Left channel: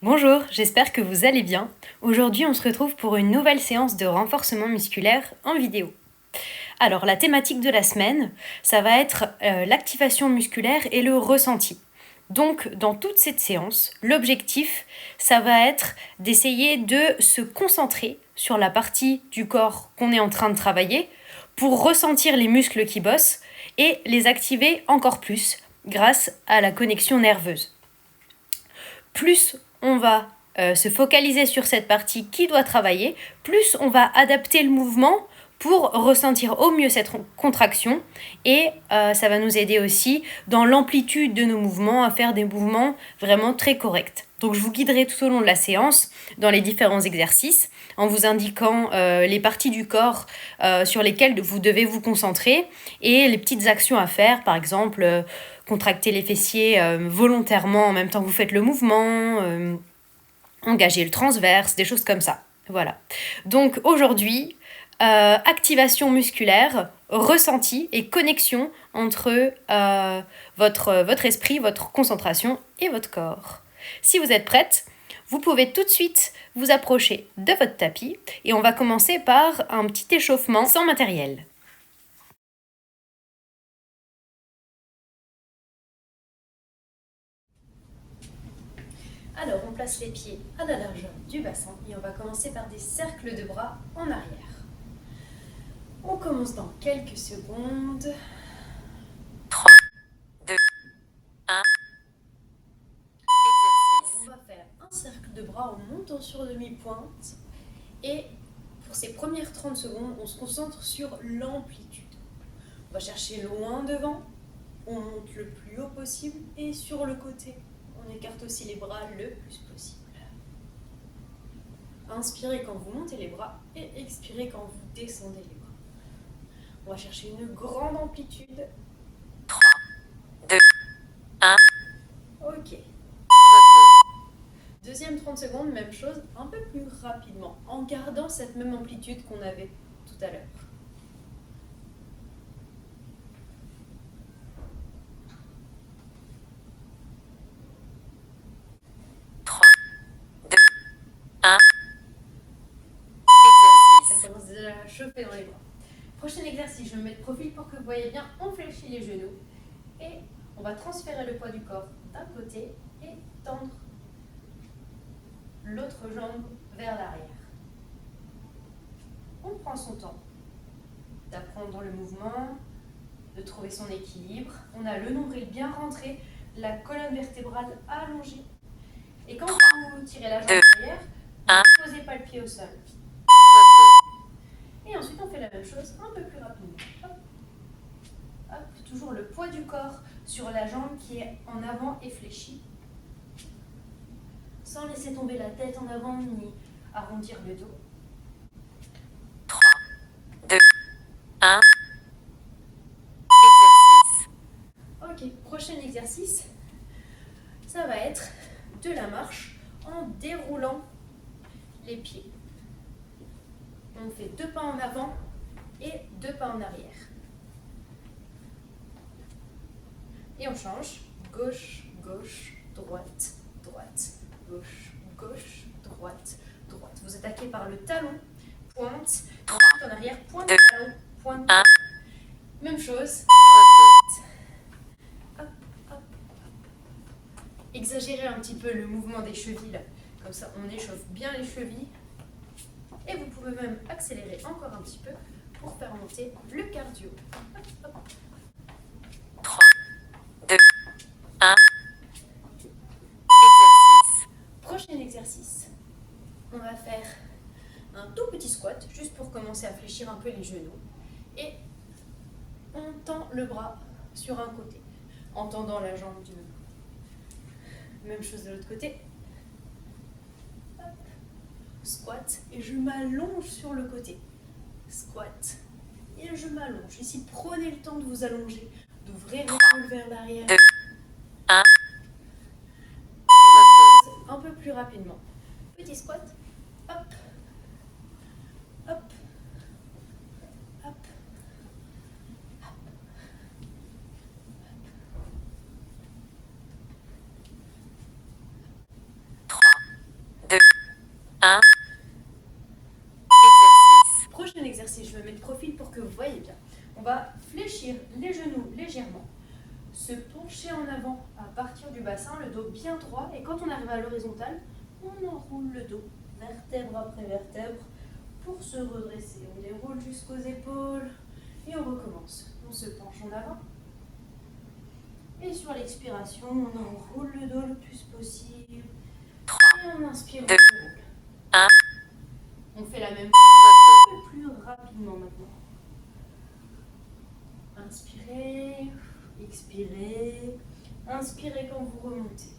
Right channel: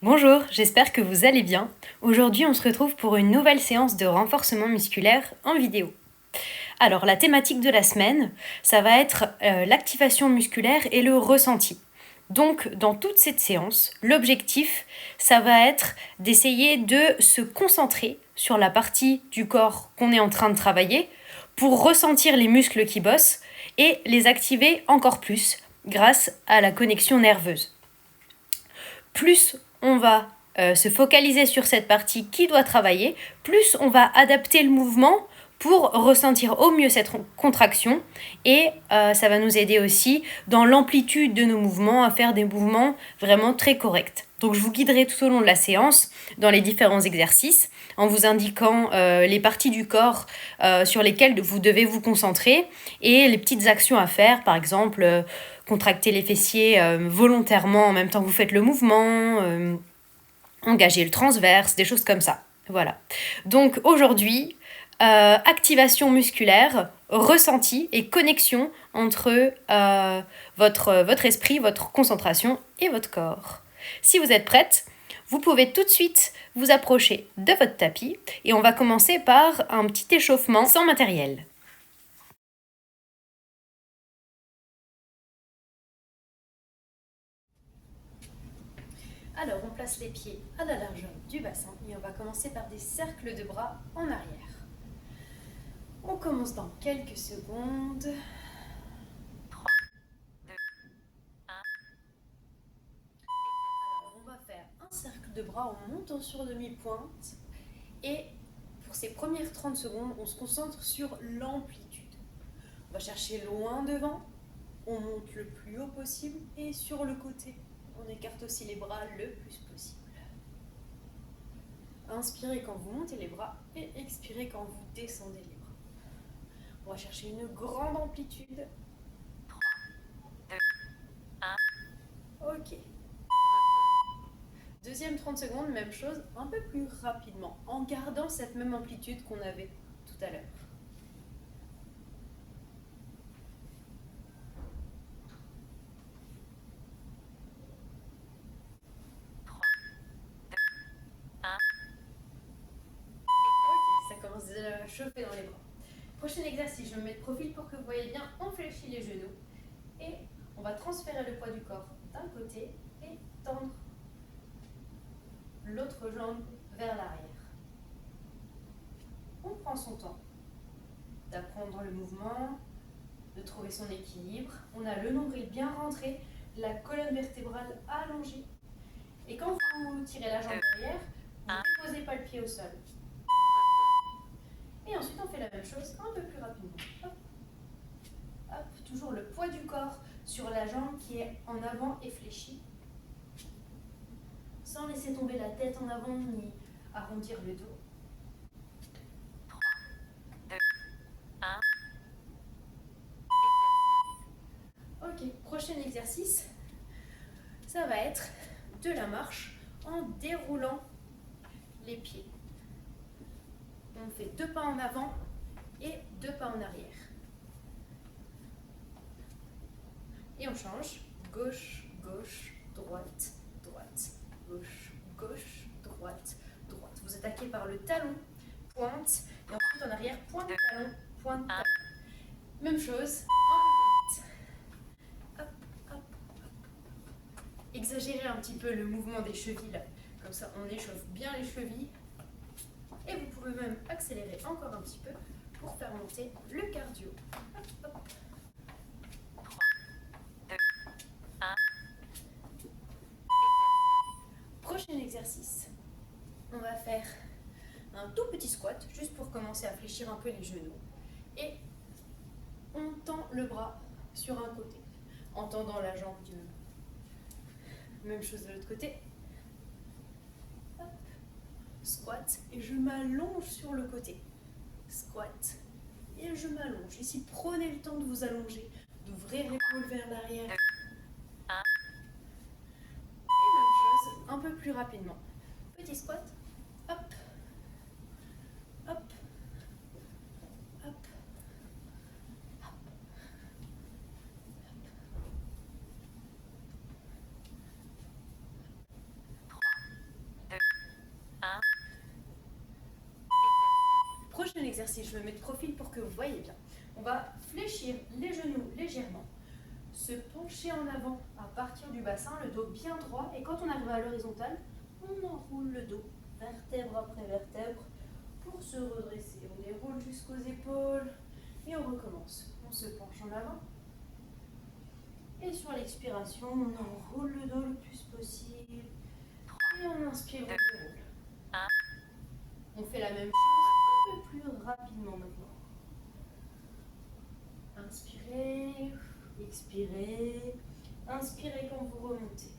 Bonjour, j'espère que vous allez bien. Aujourd'hui, on se retrouve pour une nouvelle séance de renforcement musculaire en vidéo. Alors, la thématique de la semaine, ça va être l'activation musculaire et le ressenti. Donc, dans toute cette séance, l'objectif, ça va être d'essayer de se concentrer sur la partie du corps qu'on est en train de travailler pour ressentir les muscles qui bossent et les activer encore plus grâce à la connexion nerveuse. Plus on va se focaliser sur cette partie qui doit travailler, plus on va adapter le mouvement pour ressentir au mieux cette contraction et ça va nous aider aussi dans l'amplitude de nos mouvements à faire des mouvements vraiment très corrects. Donc je vous guiderai tout au long de la séance dans les différents exercices en vous indiquant les parties du corps sur lesquelles vous devez vous concentrer et les petites actions à faire, par exemple contracter les fessiers volontairement en même temps que vous faites le mouvement, engager le transverse, des choses comme ça. Voilà. Donc aujourd'hui, activation musculaire, ressenti et connexion entre votre esprit, votre concentration et votre corps. Si vous êtes prête, vous pouvez tout de suite vous approcher de votre tapis et on va commencer par un petit échauffement sans matériel. Alors, on place les pieds à la largeur du bassin et on va commencer par des cercles de bras en arrière. On commence dans quelques secondes. 3, 2, 1. On va faire un cercle de bras en montant sur demi-pointe et pour ces premières 30 secondes, on se concentre sur l'amplitude. On va chercher loin devant, on monte le plus haut possible et sur le côté, on écarte aussi les bras le plus possible. Inspirez quand vous montez les bras et expirez quand vous descendez les bras. On va chercher une grande amplitude. 3, 2, 1. Ok. Deuxième 30 secondes, même chose, un peu plus rapidement, en gardant cette même amplitude qu'on avait tout à l'heure. 3, 2, 1. Ça commence déjà à chauffer dans les bras. Prochain exercice, je me mets de profil pour que vous voyez bien, on fléchit les genoux et on va transférer le poids du corps d'un côté et tendre l'autre jambe vers l'arrière. On prend son temps d'apprendre le mouvement, de trouver son équilibre. On a le nombril bien rentré, la colonne vertébrale allongée. Et quand vous tirez la jambe derrière, ne posez pas le pied au sol. Et ensuite, on fait la même chose un peu plus rapidement. Hop. Hop. Toujours le poids du corps sur la jambe qui est en avant et fléchie. Sans laisser tomber la tête en avant ni arrondir le dos. 3, 2, 1. Ok, prochain exercice, ça va être de la marche en déroulant les pieds. On fait 2 pas en avant et 2 pas en arrière. Et on change. Gauche, gauche, droite, droite, gauche, gauche, droite, droite. Vous attaquez par le talon, pointe, ensuite en arrière, pointe, talon, pointe. 1. Même chose. Hop, hop. Exagérez un petit peu le mouvement des chevilles. Comme ça, on échauffe bien les chevilles. Et vous pouvez même accélérer encore un petit peu pour faire monter le cardio. Hop, hop. 3, 2, 1. Prochain exercice. On va faire un tout petit squat, juste pour commencer à fléchir un peu les genoux. Et on tend le bras sur un côté, en tendant la jambe du haut. Même chose de l'autre côté. Hop. Squat, et je m'allonge sur le côté. Squat, et je m'allonge. Ici, prenez le temps de vous allonger, d'ouvrir l'épaule vers l'arrière. 2, 1. Un peu plus rapidement. Petit squat. Hop. Hop. Hop. 3, dos bien droit et quand on arrive à l'horizontale, on enroule le dos, vertèbre après vertèbre, pour se redresser. On déroule jusqu'aux épaules et on recommence. On se penche en avant. Et sur l'expiration, on enroule le dos le plus possible. 3, Et on inspire, on 2, déroule. 1. On fait la même chose, Repos. un peu plus rapidement maintenant. Inspirez, expirez. Inspirez quand vous remontez.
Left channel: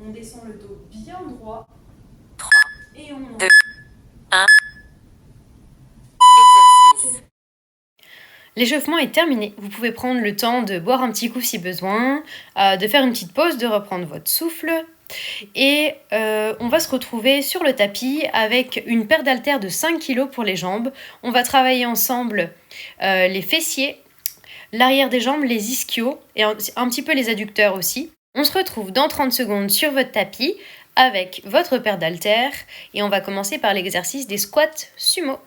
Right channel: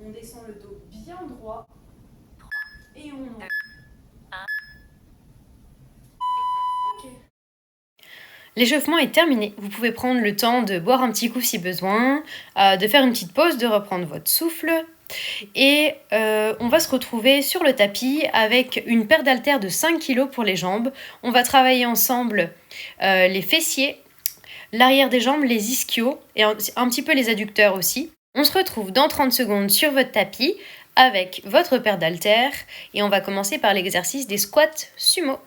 On descend le dos bien droit 3, et on 2, enroule. 1. Exercice. L'échauffement est terminé. Vous pouvez prendre le temps de boire un petit coup si besoin, de faire une petite pause, de reprendre votre souffle. Et on va se retrouver sur le tapis avec une paire d'haltères de 5 kg pour les jambes. On va travailler ensemble les fessiers, l'arrière des jambes, les ischios et un petit peu les adducteurs aussi. On se retrouve dans 30 secondes sur votre tapis avec votre paire d'haltères et on va commencer par l'exercice des squats sumo.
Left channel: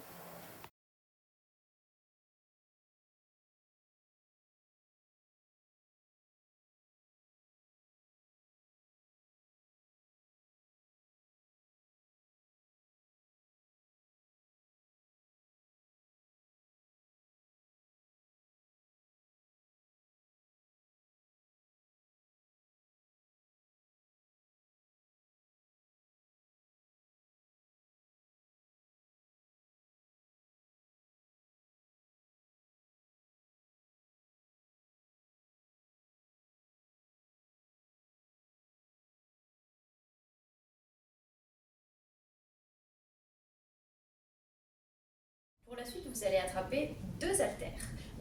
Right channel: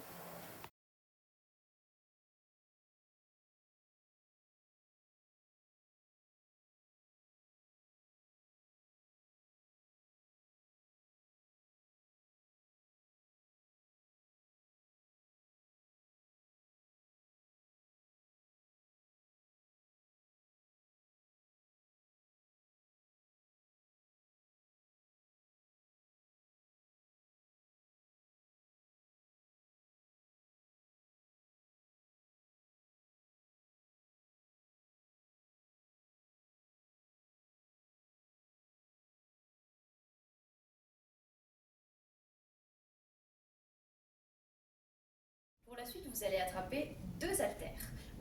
Pour la suite, vous allez attraper 2 haltères.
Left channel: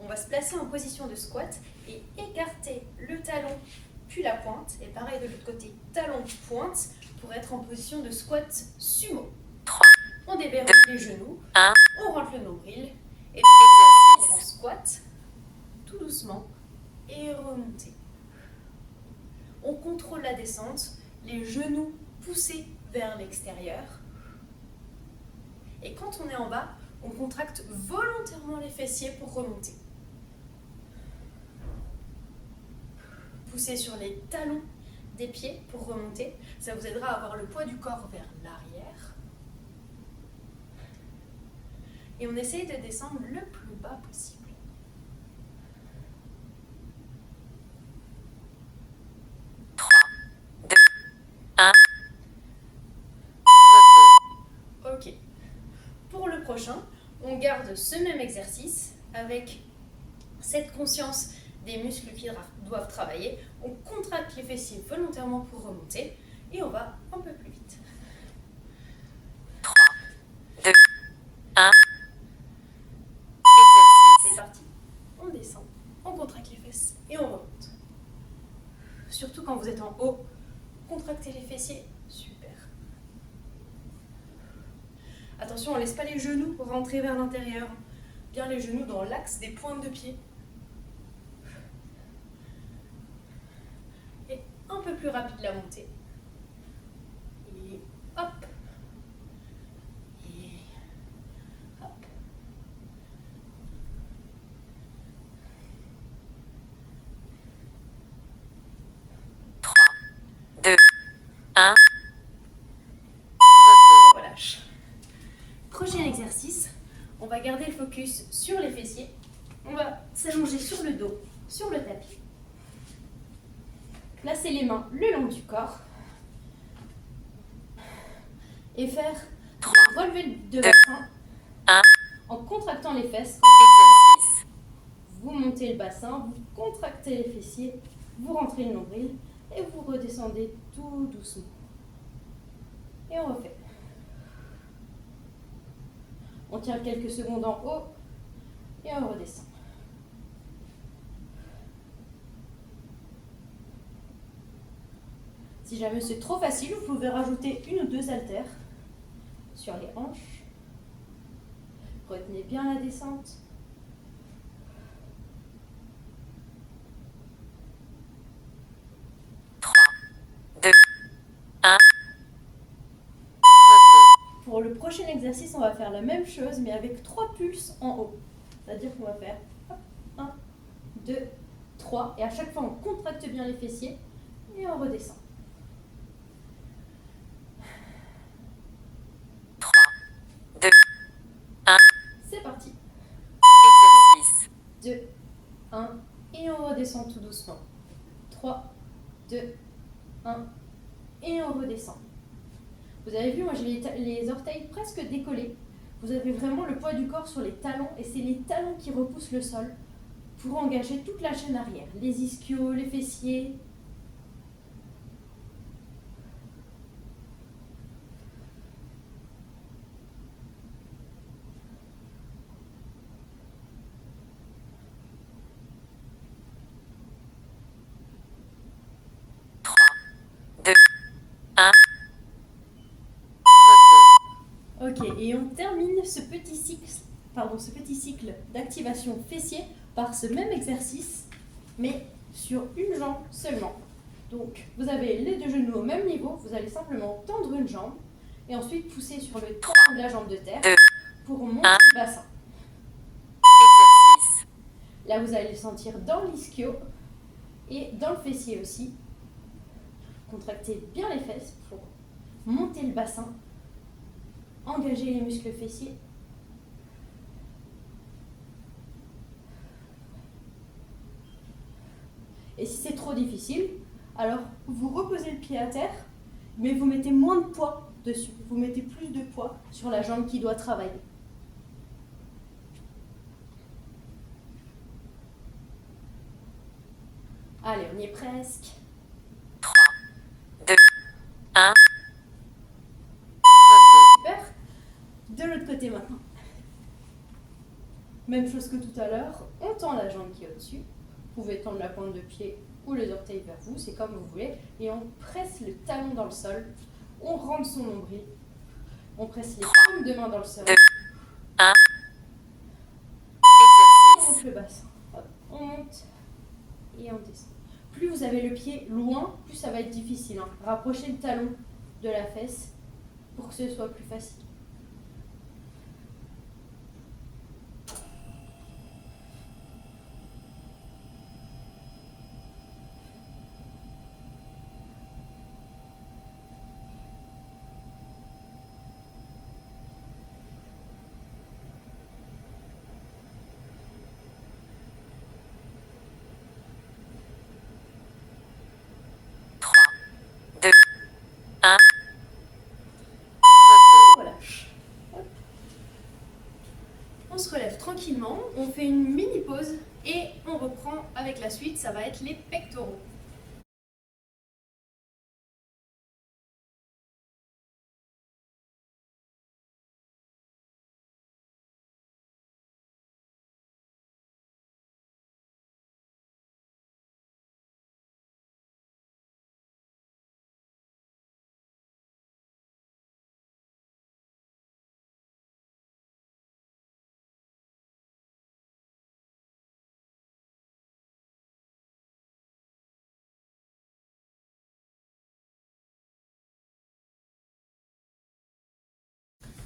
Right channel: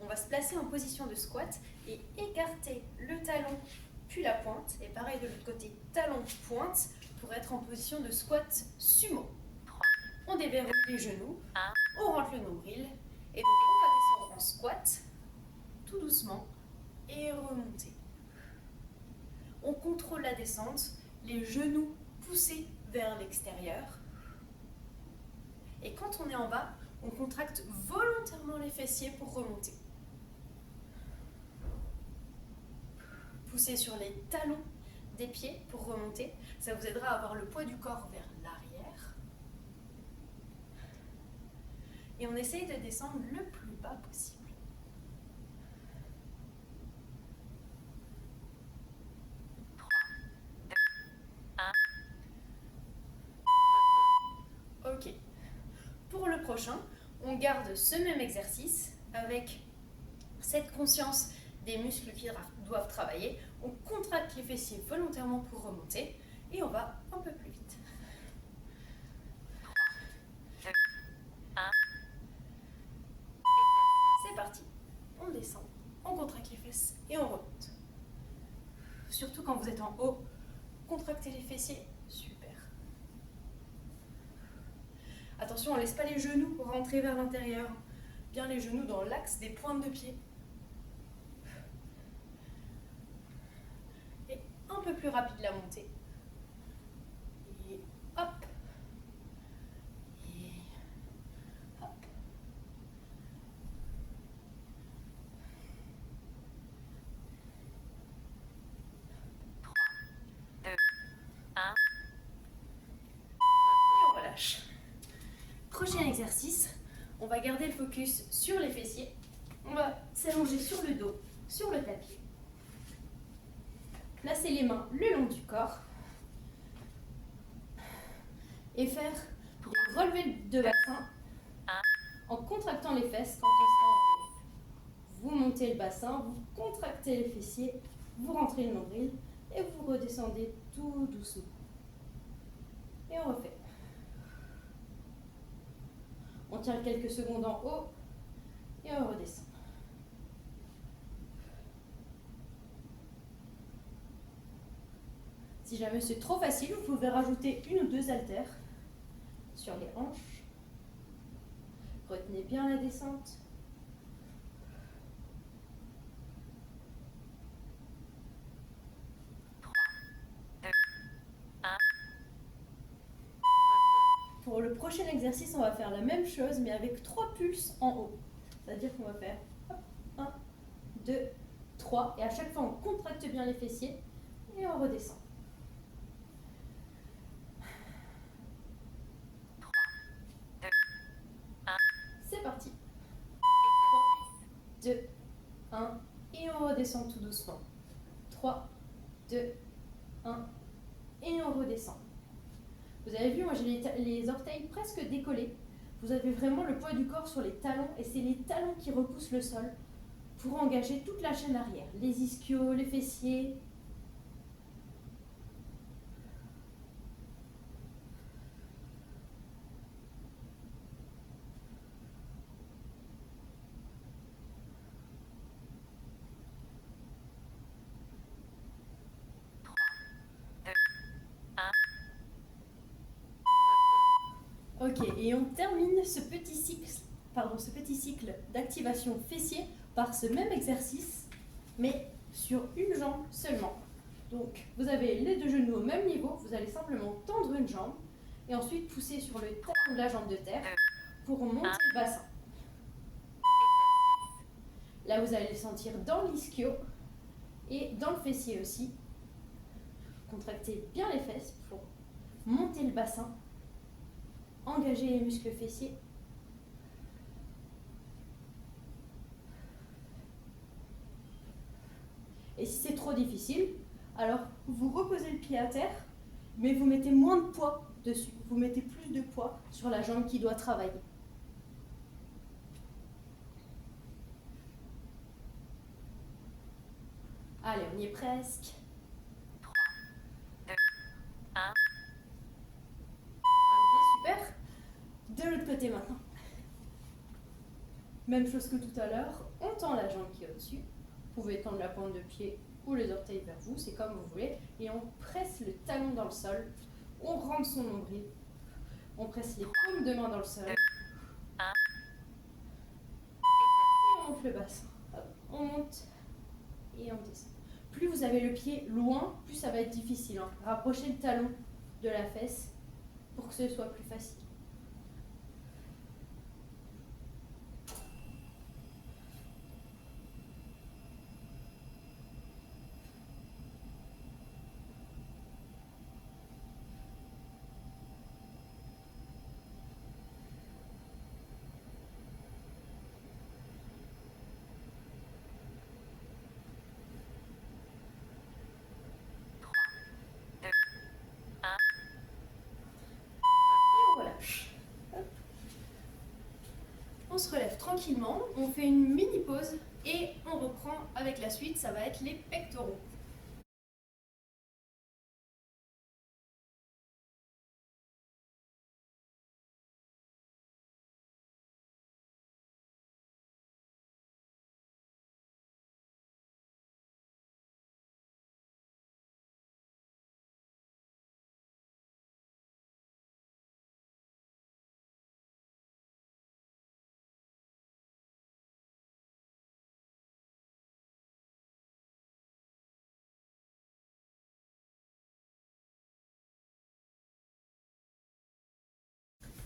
On va se placer en position de squat et écarter le talon puis la pointe. Et pareil de l'autre côté, talon, pointe pour être en position de squat sumo. 3, On déverrouille les genoux, 1. on rentre le nombril et Exercice. on squat tout doucement et remonter. On contrôle la descente, les genoux poussés vers l'extérieur. Et quand on est en bas, on contracte volontairement les fessiers pour remonter. Poussez sur les talons des pieds pour remonter. Ça vous aidera à avoir le poids du corps vers l'arrière. Et on essaye de descendre le plus bas possible. Deux, 1. Repos. Ok. Pour le prochain, on garde ce même exercice avec cette conscience des muscles qui doivent travailler. On contracte les fessiers volontairement pour remonter et on va un peu plus vite. 3, 2, 1. Exercice. C'est parti. On descend, on contracte les fesses et on remonte. Surtout quand vous êtes en haut, contractez les fessiers. Super. Attention, on ne laisse pas les genoux rentrer vers l'intérieur. Bien les genoux dans l'axe des pointes de pied. Et un peu plus rapide la montée. Et hop. Et hop. 3, 2, 1. Repos. On relâche. Prochain exercice, on va garder le focus sur les fessiers. On va s'allonger sur le dos, sur le tapis. Placer les mains le long du corps. Et faire 3, relever de 2, bassin 1. en contractant les fesses. Exercice. Vous montez le bassin, vous contractez les fessiers, vous rentrez le nombril et vous redescendez tout doucement. Et on refait. On tient quelques secondes en haut et on redescend. Si jamais c'est trop facile, vous pouvez rajouter 1 ou 2 haltères sur les hanches. Retenez bien la descente. Pour le prochain exercice, on va faire la même chose, mais avec 3 pulses en haut. C'est-à-dire qu'on va faire 1, 2, 3 et à chaque fois on contracte bien les fessiers et on redescend. 3, 2, 1. C'est parti. Exercice. 2, 1 et on redescend tout doucement. 3, 2, 1 et on redescend. Vous avez vu, moi j'ai les orteils presque décollés. Vous avez vraiment le poids du corps sur les talons et c'est les talons qui repoussent le sol pour engager toute la chaîne arrière. Les ischios, les fessiers. Ok, et on termine ce petit cycle d'activation fessier par ce même exercice, mais sur une jambe seulement. Donc, vous avez les deux genoux au même niveau, vous allez simplement tendre une jambe et ensuite pousser sur le talon de la jambe de terre pour monter le bassin. Exercice. Là, vous allez le sentir dans l'ischio et dans le fessier aussi. Contractez bien les fesses pour monter le bassin. Engagez les muscles fessiers. Et si c'est trop difficile, alors vous reposez le pied à terre, mais vous mettez moins de poids dessus. Vous mettez plus de poids sur la jambe qui doit travailler. Allez, on y est presque. 3, 2, 1. Super. De l'autre côté maintenant. Même chose que tout à l'heure, on tend la jambe qui est au-dessus. Vous pouvez tendre la pointe de pied ou les orteils vers vous, c'est comme vous voulez. Et on presse le talon dans le sol. On rentre son nombril. On presse les paumes de main dans le sol. 2, 1. On Exercice. monte le bassin. Hop, on monte et on descend. Plus vous avez le pied loin, plus ça va être difficile. Rapprochez le talon de la fesse pour que ce soit plus facile. Relâche. Hop. On se relève tranquillement, on fait une mini pause et on reprend avec la suite, ça va être les pectoraux.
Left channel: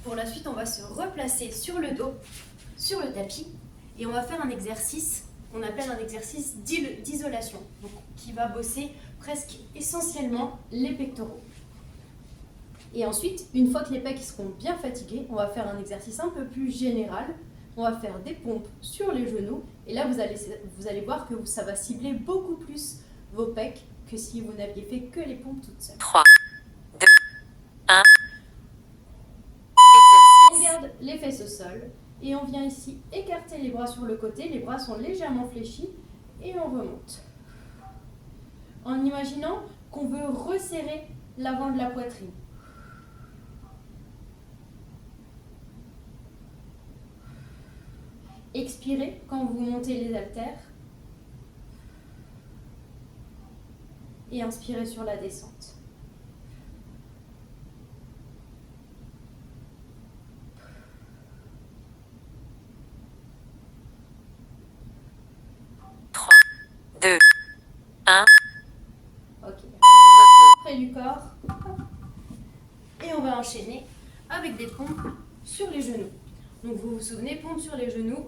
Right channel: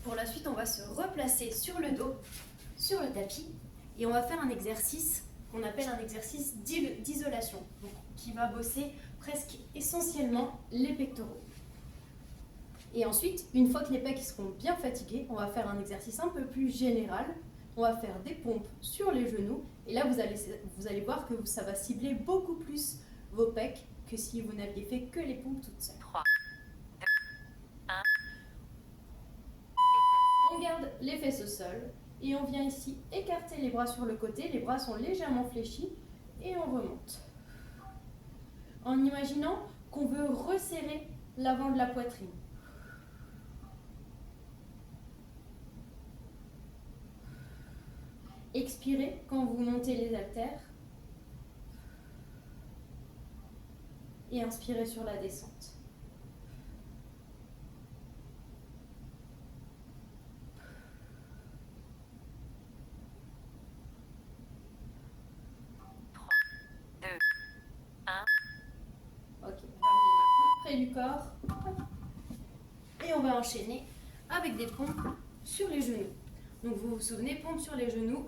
Pour la suite, on va se replacer sur le dos, sur le tapis, et on va faire un exercice qu'on appelle un exercice d'isolation, qui va bosser presque essentiellement les pectoraux. Et ensuite, une fois que les pecs seront bien fatigués, on va faire un exercice un peu plus général. On va faire des pompes sur les genoux, et là vous allez voir que ça va cibler beaucoup plus vos pecs que si vous n'aviez fait que les pompes toutes seules. 3, 2, 1. On garde les fesses au sol et on vient ici écarter les bras sur le côté. Les bras sont légèrement fléchis et on remonte. En imaginant qu'on veut resserrer l'avant de la poitrine. Expirez quand vous montez les haltères. Et inspirez sur la descente. Ok, près du corps. Et on va enchaîner avec des pompes sur les genoux. Donc vous vous souvenez, pompes sur les genoux,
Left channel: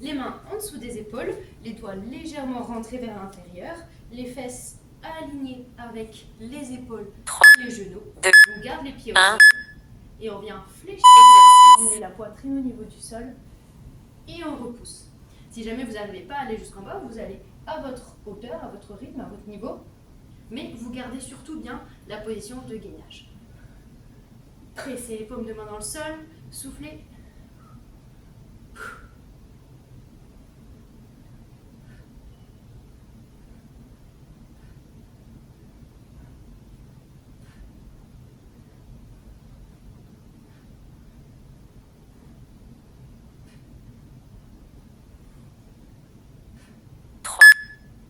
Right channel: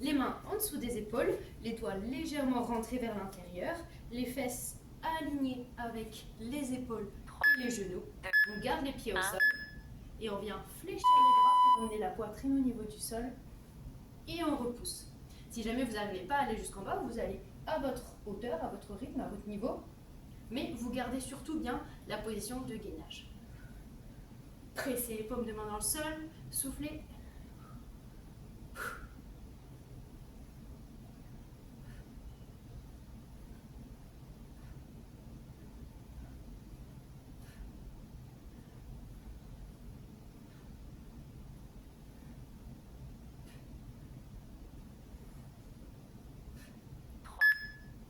les mains en dessous des épaules, les doigts légèrement rentrés vers l'intérieur, les fesses alignées avec les épaules 3, et les genoux. 2, On garde les pieds au 1. sol et on vient fléchir les bras, on met la poitrine au niveau du sol et on repousse. Si jamais vous n'arrivez pas à aller jusqu'en bas, vous allez à votre hauteur, à votre rythme, à votre niveau, mais vous gardez surtout bien la position de gainage. Pressez les paumes de main dans le sol, soufflez.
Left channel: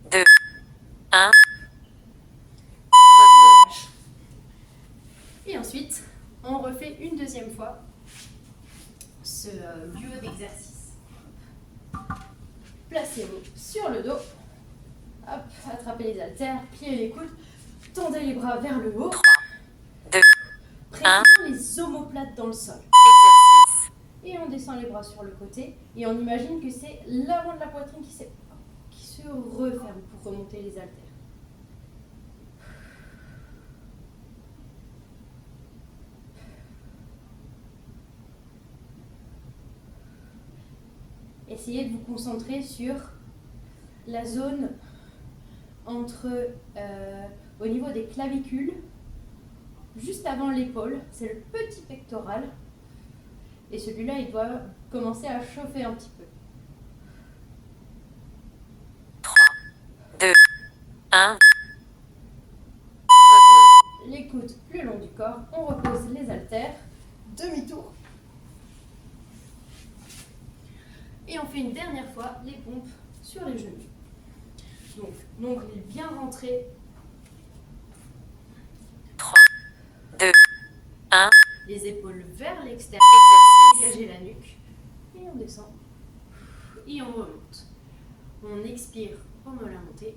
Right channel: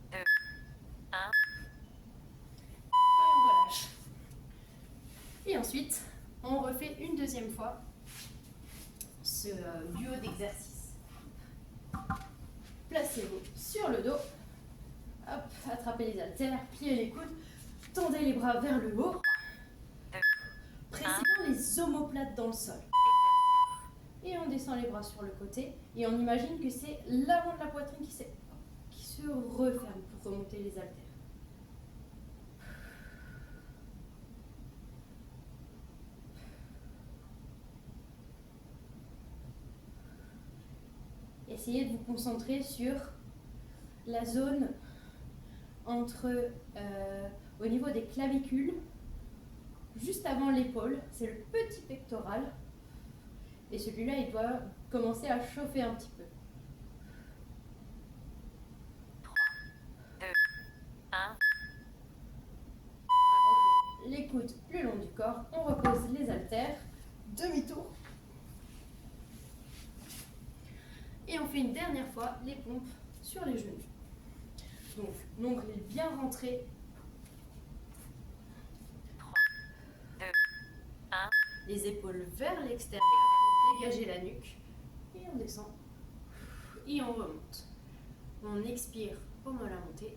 Deux, un. Et ensuite, on refait une deuxième fois ce duo d'exercices. Placez-vous sur le dos. Hop, attrapez les haltères, pliez les coudes, tendez les bras vers le haut. 3, 2, Pressez les omoplates dans le sol. exercice. Et on descend les bras sur le côté et on imagine que c'est l'avant de la poitrine qui se referme pour remonter les haltères. Essayez de vous concentrer sur la zone entre, au niveau des clavicules, juste avant l'épaule, c'est le petit pectoral. Et celui-là, il doit commencer à chauffer un petit peu. 3, 2, 1. Les coudes le long du corps, on repose les haltères, demi-tour. Et on fait une dernière fois les pompes sur les genoux. Donc, l'ongle est bien rentré. 3, 2, 1. Les épaules vers l'extérieur. Exercice. Dégager la nuque. Et on descend. Et on remonte. On expire au moment de la montée.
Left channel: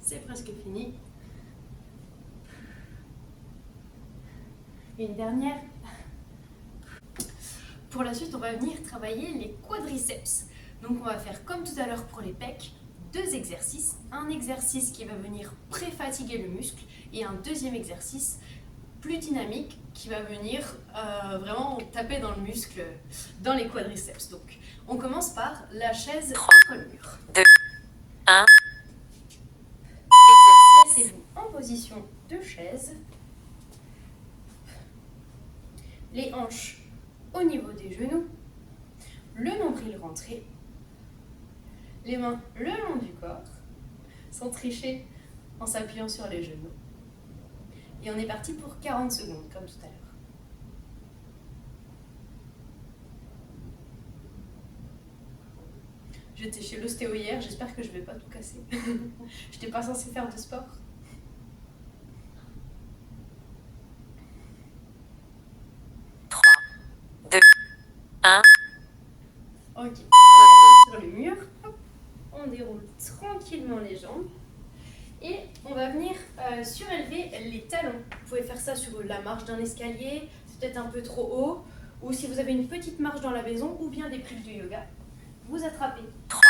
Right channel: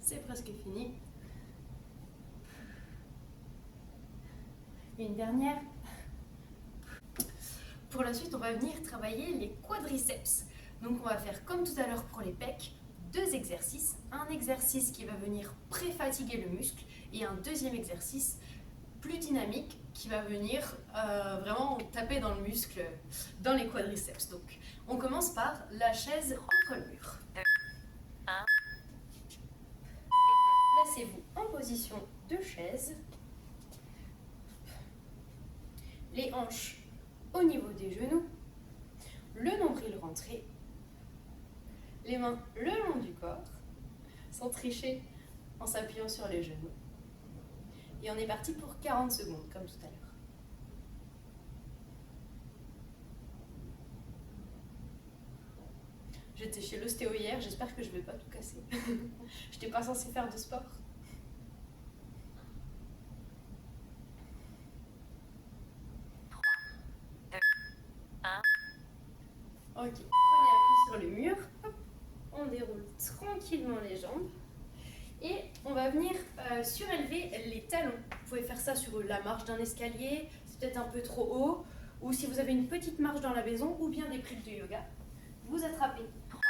C'est presque fini. Et une dernière. Pour la suite, on va venir travailler les quadriceps. Donc on va faire comme tout à l'heure pour les pecs, deux exercices. Un exercice qui va venir pré-fatiguer le muscle et un deuxième exercice plus dynamique qui va venir vraiment taper dans le muscle, dans les quadriceps. Donc on commence par la chaise 3, contre-mur. 2, 1. Placez-vous en position de chaise, les hanches au niveau des genoux, le nombril rentré, les mains le long du corps, sans tricher en s'appuyant sur les genoux. Et on est parti pour 40 secondes, comme tout à l'heure. J'étais chez l'ostéo hier, j'espère que je vais pas tout casser. J'étais pas censée faire de sport. Ok, sur le mur, on déroule tranquillement les jambes et on va venir surélever les talons. Vous pouvez faire ça sur la marche d'un escalier, c'est peut-être un peu trop haut, ou si vous avez une petite marche dans la maison ou bien des prises de yoga, vous attrapez 3,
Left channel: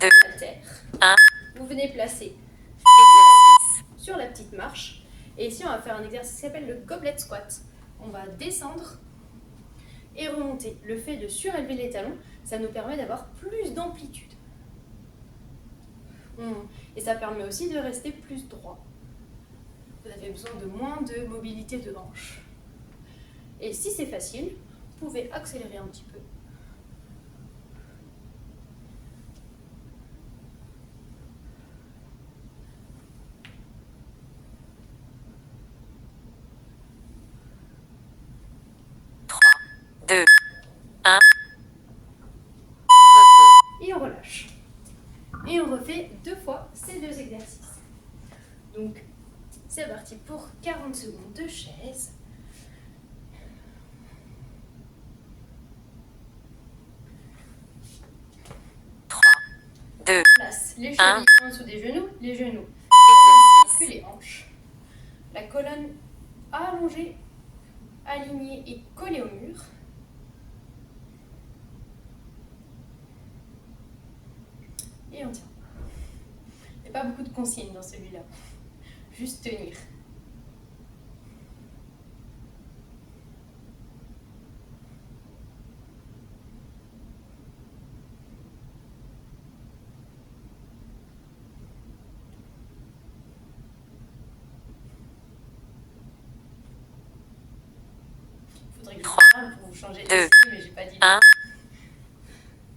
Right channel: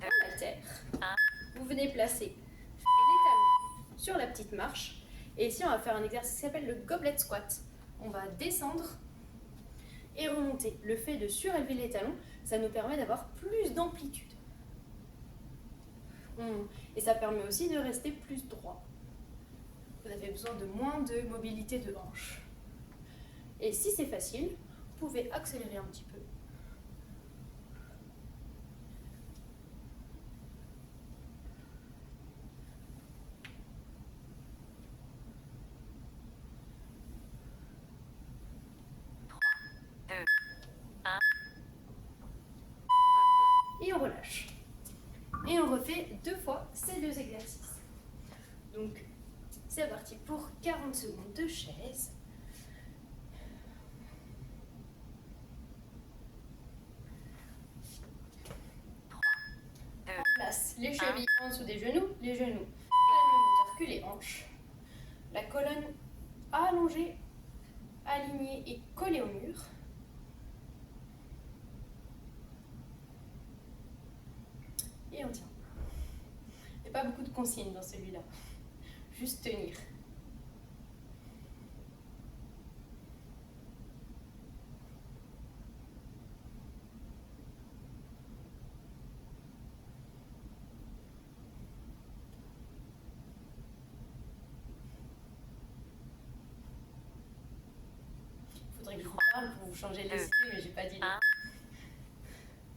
2, la terre, 1. vous venez placer Exercice. sur la petite marche et ici on va faire un exercice qui s'appelle le goblet squat. On va descendre et remonter. Le fait de surélever les talons, ça nous permet d'avoir plus d'amplitude. Et ça permet aussi de rester plus droit. Vous avez besoin de moins de mobilité de hanche. Et si c'est facile, vous pouvez accélérer un petit peu. Deux, un. Et on relâche. Et on refait deux fois ces deux exercices. Donc, c'est parti pour 40 place les Un. chevilles en dessous des genoux, les genoux, puis Exercice. les hanches. La colonne allongée, alignée et collée au mur. Et on tient. Il n'y a pas beaucoup de consignes dans celui-là. Juste tenir. Il faudrait que je vous parle pour vous changer Deux. d'idée, mais j'ai pas dit. 1.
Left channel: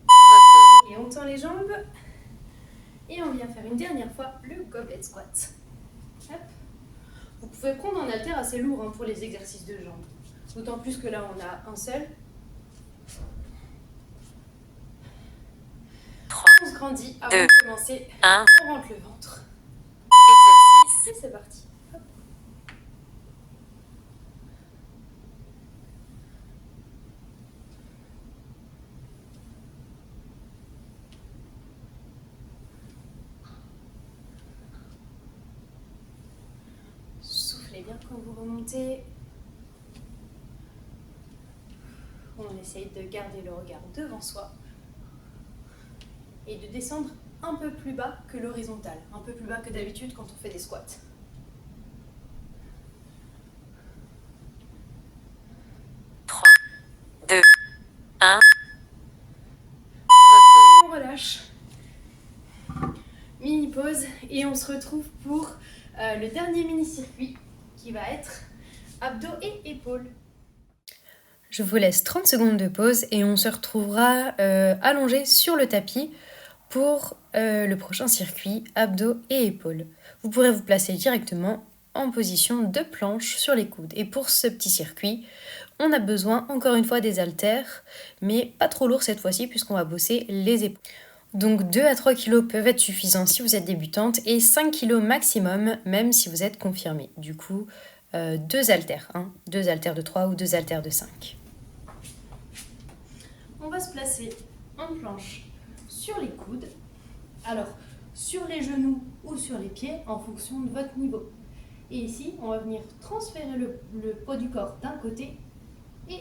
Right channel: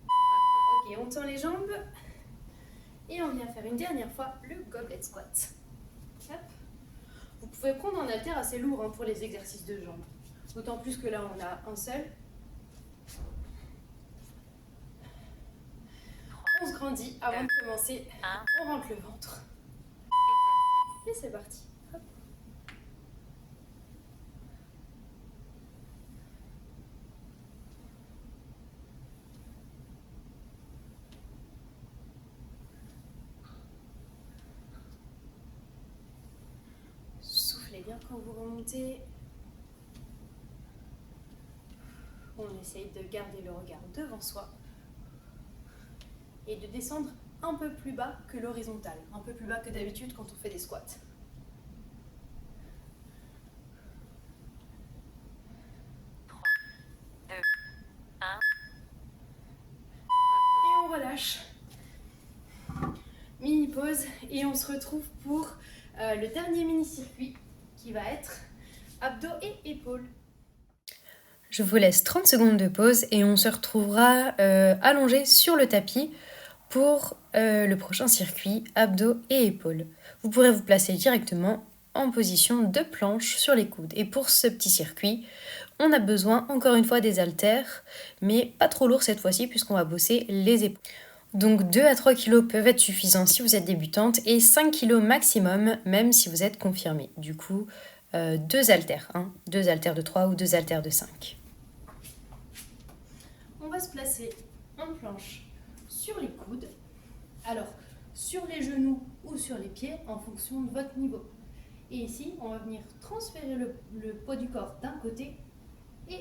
Repos. Et on tend les jambes. Et on vient faire une dernière fois le goblet squat. Hop. Vous pouvez prendre un haltère assez lourd pour les exercices de jambes. D'autant plus que là, on a un seul. 3. On se grandit avant Deux. de commencer. 1. On rentre le ventre. Exercice. Et c'est parti. Hop. Soufflez bien quand vous remontez. On essaye de garder le regard devant soi et de descendre un peu plus bas que l'horizontale, un peu plus bas que d'habitude quand on fait des squats. Trois, deux, un. Et on relâche. Mini pause et on se retrouve pour le dernier mini-circuit qui va être abdos et épaules. Je vous laisse 30 secondes de pause et on se retrouvera allongé sur le tapis pour le prochain circuit abdos et épaules. Vous pourrez vous placer directement en position de planche sur les coudes. Et pour ce petit circuit, on a besoin encore une fois des haltères, mais pas trop lourd cette fois-ci puisqu'on va bosser les épaules. Donc 2 à 3 kg peuvent être suffisants si vous êtes débutante et 5 kg maximum même si vous êtes confirmé. Du coup, 2 haltères, 2 haltères de 3 ou 2 haltères de 5. On va se placer en planche sur les coudes, alors sur les genoux ou sur les pieds en fonction de votre niveau. Et ici, on va venir transférer le poids du corps d'un côté et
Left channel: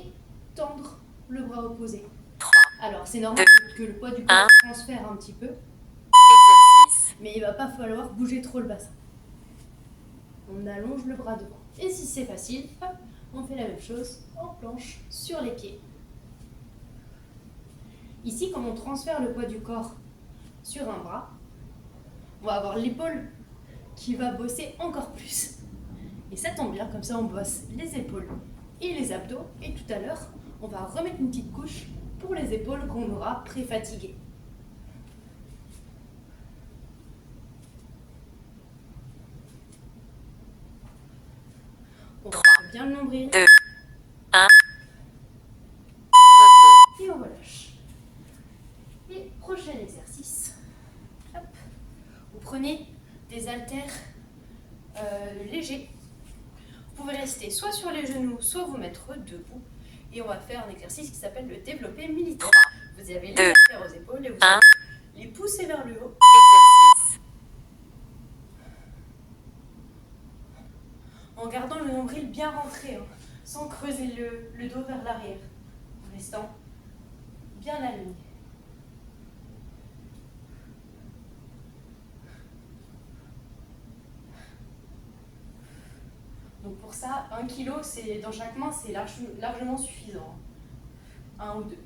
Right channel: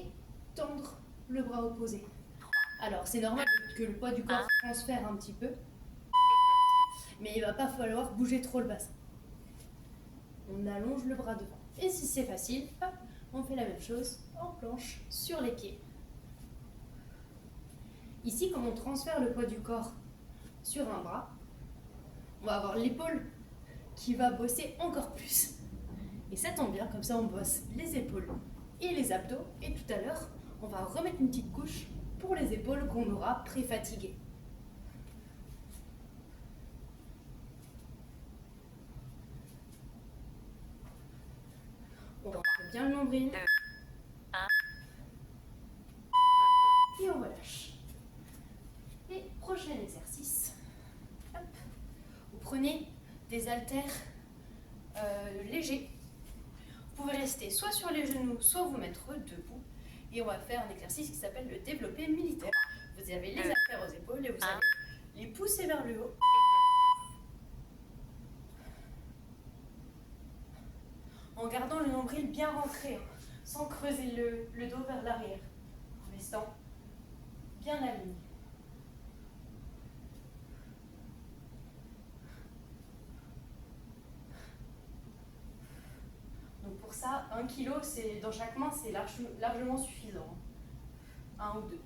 tendre le bras opposé. 3. Alors c'est normal que le poids du corps transfère un petit peu, Exercice. mais il ne va pas falloir bouger trop le bassin. On allonge le bras devant. Et si c'est facile, hop, on fait la même chose en planche sur les pieds. Ici, comme on transfère le poids du corps sur un bras, on va avoir l'épaule qui va bosser encore plus. Et ça tombe bien, comme ça on bosse les épaules et les abdos. Et tout à l'heure, on va remettre une petite couche pour les épaules qu'on aura pré-fatiguées. On relâche bien le nombril. 2, 1. Et on relâche. Et prochain exercice. Hop. Vous prenez des haltères légers. Vous pouvez rester soit sur les genoux, soit vous mettre debout. Et on va faire un exercice qui s'appelle le développé militaire. Vous avez les haltères aux épaules et vous allez les pousser vers le haut. Exercice. En gardant le nombril bien rentré, sans creuser le dos vers l'arrière, en restant bien aligné. Donc pour ça, 1 kg dans chaque main, c'est largement suffisant. 1 ou 2.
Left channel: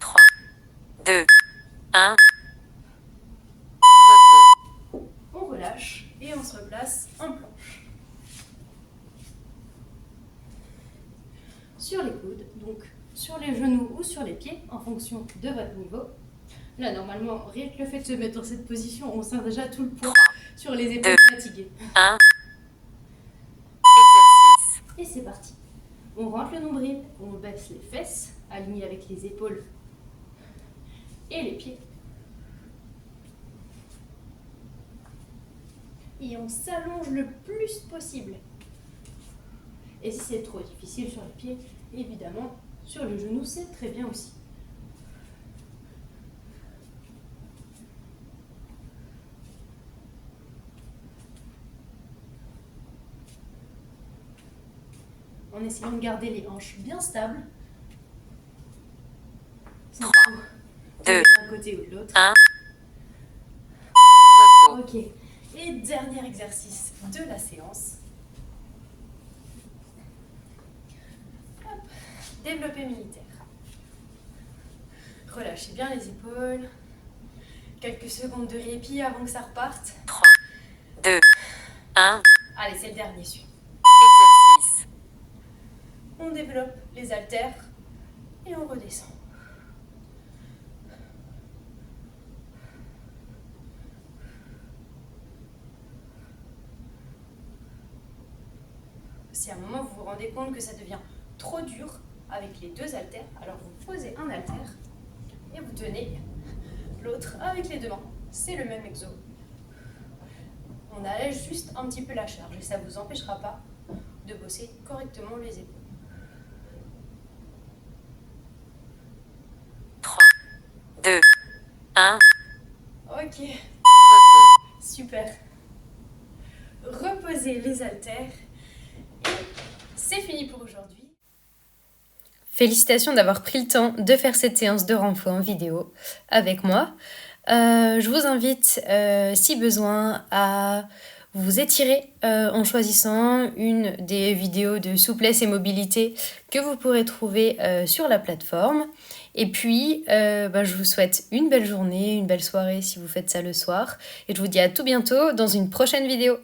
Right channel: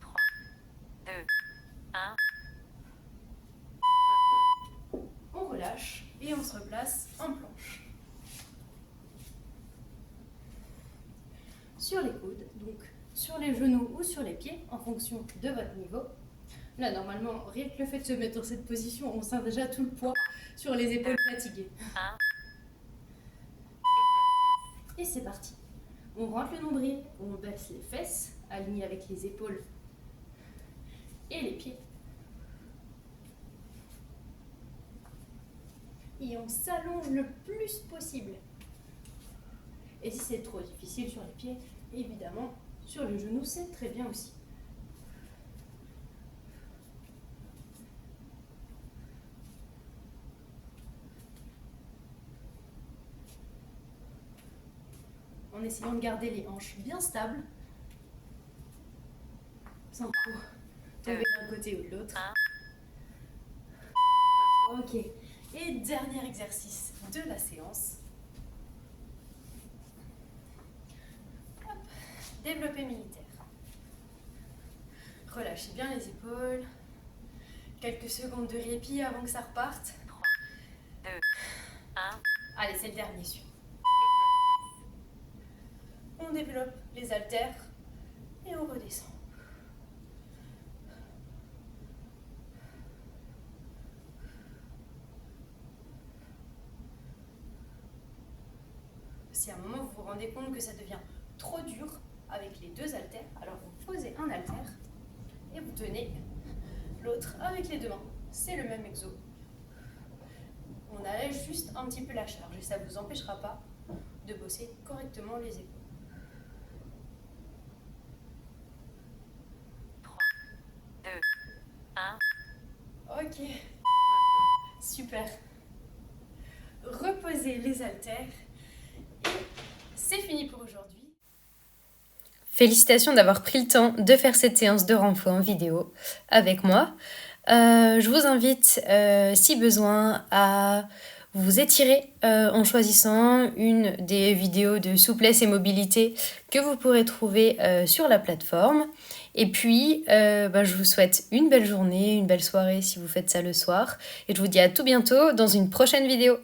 Trois, 2, 1. On relâche et on se replace en planche. Sur les coudes, donc sur les genoux ou sur les pieds, en fonction de votre niveau. Là, normalement, rien que le fait de se mettre dans cette position, on sent déjà tout le poids sur les épaules fatiguées. 1. Exercice. Et c'est parti. On rentre le nombril, on baisse les fesses, alignées avec les épaules et les pieds. Et on s'allonge le plus possible. Et si c'est trop difficile sur les pieds, évidemment, sur le genou, c'est très bien aussi. En essayant de garder les hanches bien stables. Sans 3, trop 2, d'un côté ou de l'autre. 1. Repos. Ok. Et dernier exercice de la séance. Hop. Développé militaire. Relâchez bien les épaules. Quelques secondes de répit avant que ça reparte. 3, 2, 1. Allez, c'est le dernier celui. Exercice. On développe les haltères et on redescend. Si à un moment vous vous rendez compte que ça devient trop dur avec les deux haltères, alors vous posez un haltère et vous tenez l'autre avec les deux mains. C'est le même exo. On allège juste un petit peu la charge et ça ne vous empêchera pas de bosser correctement les épaules. 3, 2, 1. Ok, Repos. super. Reposez les haltères. Et c'est fini pour aujourd'hui. Félicitations d'avoir pris le temps de faire cette séance de renfort en vidéo avec moi. Je vous invite, si besoin, à vous étirer en choisissant une des vidéos de souplesse et mobilité que vous pourrez trouver sur la plateforme. Et puis, je vous souhaite une belle journée, une belle soirée si vous faites ça le soir. Et je vous dis à tout bientôt dans une prochaine vidéo.